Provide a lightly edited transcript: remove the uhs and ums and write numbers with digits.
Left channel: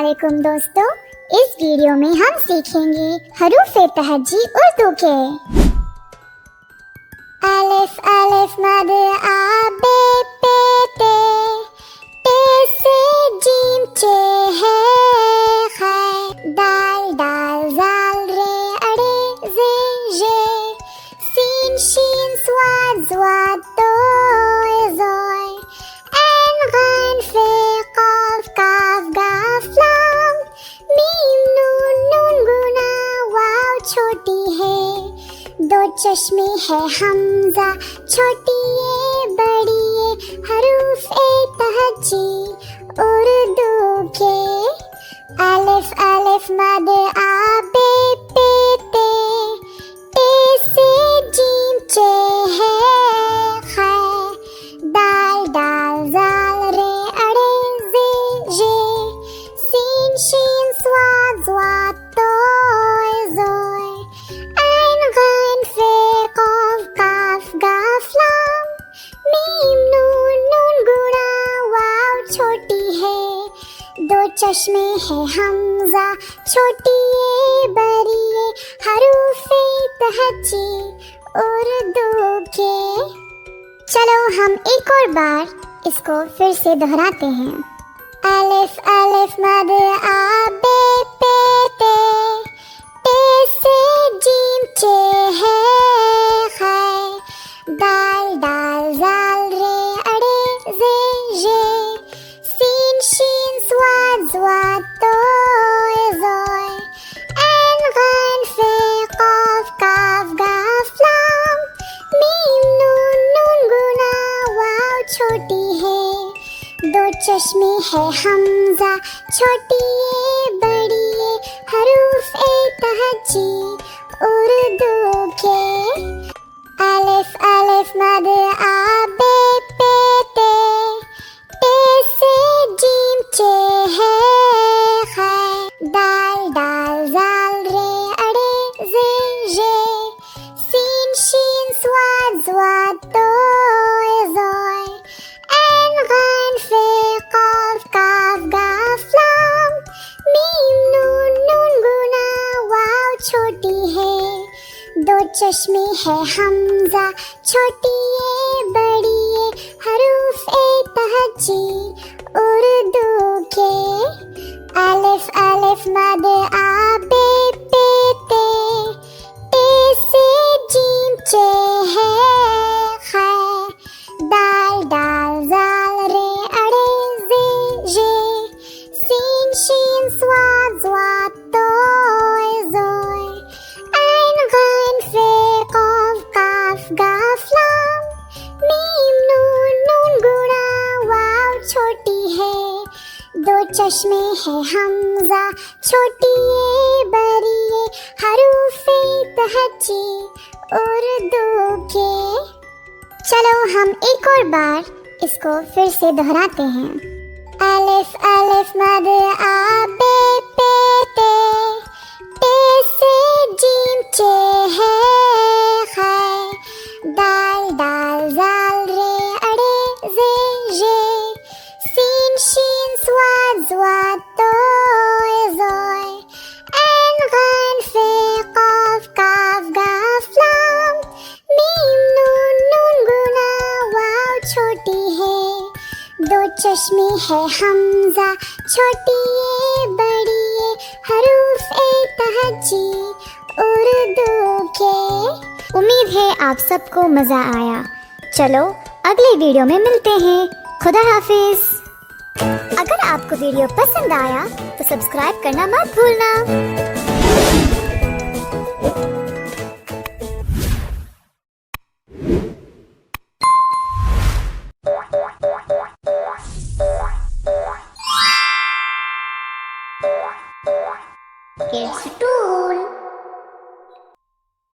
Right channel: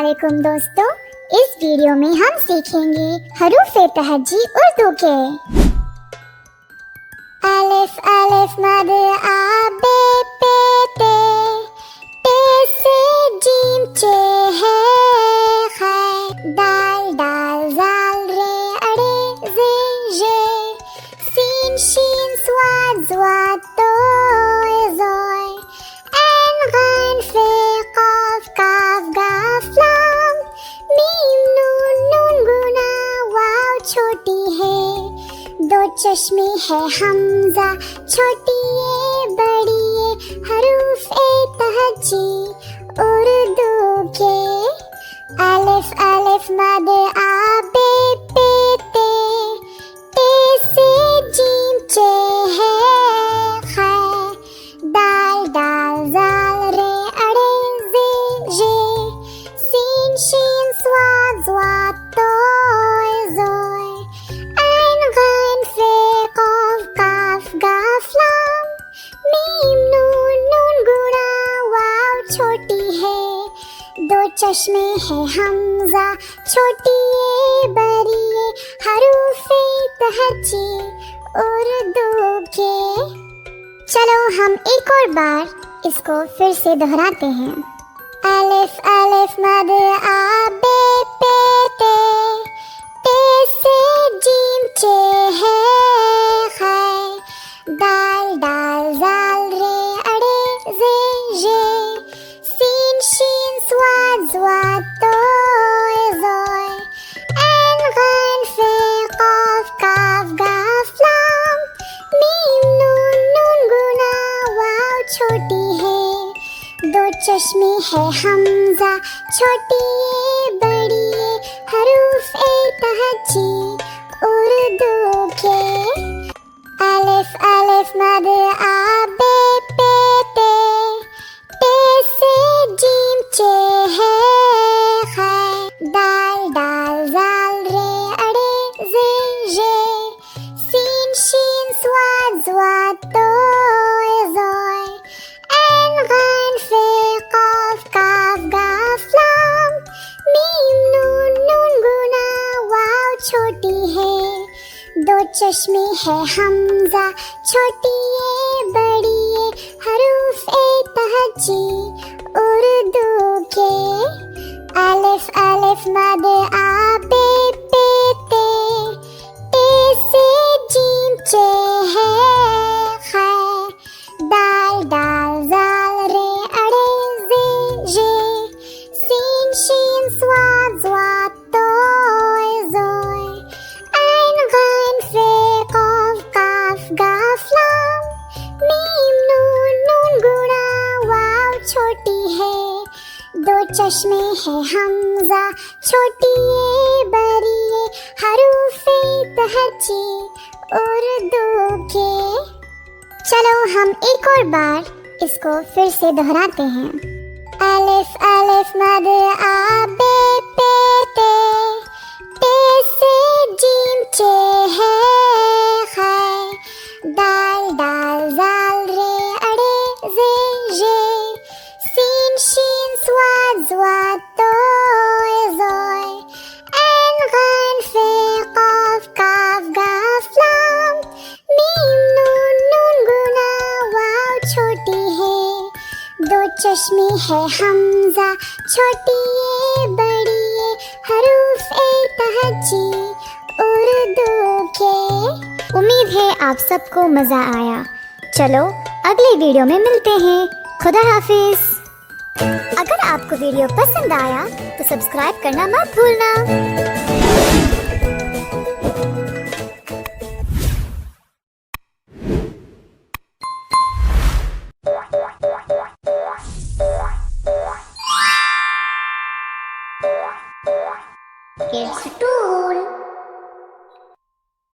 अस्सलामुअलैकुम दोस्तों, इस वीडियो में हम सीखेंगे हरूफ तहज्जी उर्दू के। अलिफ अलिफ मद आ बे पे ते सी जीम चे है खे दाल दाल जाल रे अड़ी जे जे सीन शीन स्वाद स्वाद तो ज़ोय ऐन गैन फे क़ाफ काफ गाफ लाम मीम नून नून गुना वाव छोटी है, दो चश्मे है हमजा छोटी है बड़ी है हरूफ तहज्जी उर्दू के। अलिफ अलिफ मद आ बे पे ते सी जीम चे है खे दाल दाल जाल रे अड़े जे जे सीन शीन स्वाद स्वाद तो ज़ोय ऐन गैन फे क़ाफ काफ गाफ लाम मीम नून नून गुना वाव छोटी है, दो चश्मे है हमजा छोटी है बड़ी है हरूफ तहज्जी उर्दू की। चलो हम एक और बार इसको फिर से दोहराते हैं। अलिफ अलिफ मद आ बे पे ते से जीम चे है खे दाल दाल जाल रे अड़े जे जे सीन शीन स्वाद स्वाद तो ज़ोय ऐन गैन फे क़ाफ काफ गाफ लाम मीम नून नून गुना वाव छोटी है, दो चश्मे है हमजा छोटी है बड़ी है हरूफ तहज्जी उर्दू के। अलिफ अलिफ मद आ बे पे ते सी जीम चे है खे दाल दाल जाल रे अड़ी जे जे सीन शीन स्वाद स्वाद तो ज़ोय ऐन गैन फे क़ाफ काफ गाफ लाम मीम नून नून गुना वाव छोटी है, दो चश्मे है हमजा छोटी है बड़ी है हरूफ तहज्जी उर्दू के। अलिफ अलिफ मद आ बे पे ते सी जीम चे है खे दाल दाल जाल रे अड़े जे जे सीन शीन स्वाद स्वाद तो ज़ोय ऐन गैन फे क़ाफ काफ गाफ लाम मीम नून नून गुना वाव छोटी है, दो चश्मे है हमजा छोटी है बड़ी है हरूफ तहज्जी उर्दू की। चलो हम एक और बार इसको फिर से दोहराते हैं। अलिफ अलिफ मद आ बे पे ते से जीम चे है खे दाल दाल जाल रे अड़े जे जे सीन शीन स्वाद स्वाद तो ज़ोय ऐन गैन फे क़ाफ काफ गाफ लाम मीम नून नून गुना वाव छोटी है, दो चश्मे है हमजा छोटी है बड़ी है हरूफ तहज्जी उर्दू के। उम्मीद है आप सबको मजा आया। चलो अगली वीडियो में मिलते हैं। खुदा हाफिज। अगर आपको वीडियो पसंद आया तो सब्सक्राइब करना मत भूलना।